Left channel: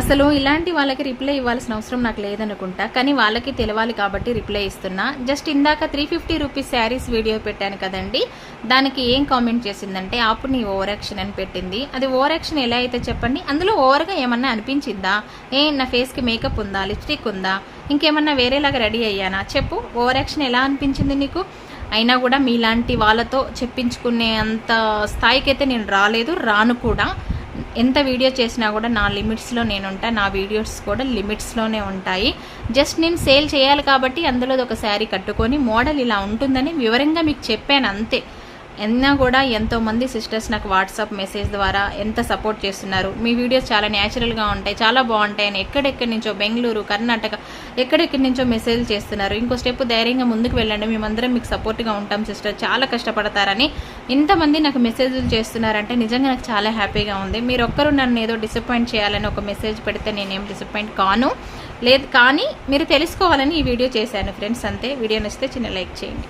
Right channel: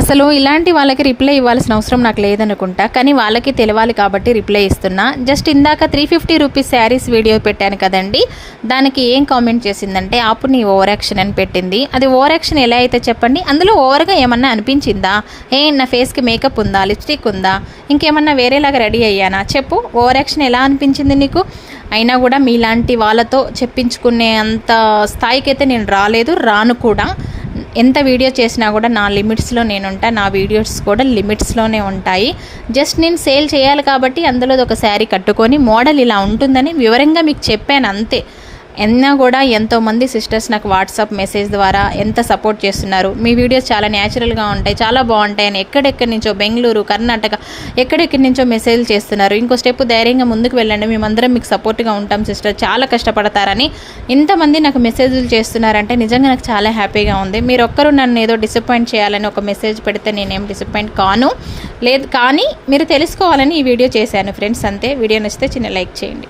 అసలు ఇలాంటి వాళ్ళకి రిప్లై ఇవ్వాల్సిన అవసరం నాకు లేదనుకుంటా, కానీ వాళ్ళకి తెలవాలి కాబట్టి రిప్లై ఇస్తున్నా. జస్ట్ ఇందాక 350 రూపీస్ శారీస్ వీడియో పెట్టాను కదండి, దానికి ఏం కామెంట్ చేసిందంటే ఆపు నీ ఓవర్ యాక్షన్ అని పెట్టింది. అది ఓవర్ యాక్షన్ ఎలా అయితే చెప్పండి, అందులో ఓవర్గా ఏమన్నా అనిపించిందా? నా ఫేస్కి మేకప్ ఉందా, లిప్స్టిక్ ఉందా, ఇంకేమన్నా వేరేలాగా రెడీ అయ్యానా చెప్పు? ఓవర్ యాక్షన్ ఎలా అనిపించింది నీకు? అయినా కూడా మీలాంటి వాళ్ళతో చెప్పించుకునే అంత స్థాయికి అయితే నేను రాలేదు, రాను కూడా. ఎంత వీడియో చేసినా కూడా నా లిమిట్స్లో నేను ఉంటా, నా వీడియోస్ కూడా లిమిట్స్లోనే ఉంటాయి. జస్ట్ నేను సేల్ చేయాలి కాబట్టి అందులో ఒక శారీ కట్టుకొని మోడల్ ఇలా ఉంటుందని వివరంగా మీకు చెప్పాను అంతే. అయినా కూడా ఎంతోమంది సిస్టర్స్ నాకు వాట్సాప్ మెసేజ్ ద్వారా ఎంత సపోర్ట్ చేస్తున్నారు. మీ వీడియోస్ చాలా న్యాచురల్గా ఉంటాయి, చాలా బాగుంటాయి అని ఎక్కడెక్కడి నుంచో, బెంగళూరు, కర్ణాటక, ఎక్కడెక్కడి నుంచో మెసేజ్ చేస్తున్నారు. ఇంకో స్టెప్ ధైర్యంగా ముందుకు వెళ్ళండి, మేమందరం మీకు సపోర్ట్గా ఉంటాం సిస్టర్, చాలా కష్టపడతారని ఇంతమంది నాకు మెసేజ్లు చేస్తున్నారంటే నిజంగా నాకు చాలా హ్యాపీగా ఉంది. మీరు ఒక్కరు నన్ను ఏదో డిసప్పాయింట్ చేయాలని ఒక మెసేజ్ పెడితే నేనేం డిసప్పాయింట్ కాను లేదు, కానీ మీరు తెలుసుకోవాలని ఈ వీడియో చేశాను ఫ్రెండ్స్, అంతే. వీడియో నచ్చితే చిన్న లైక్ చేయండి.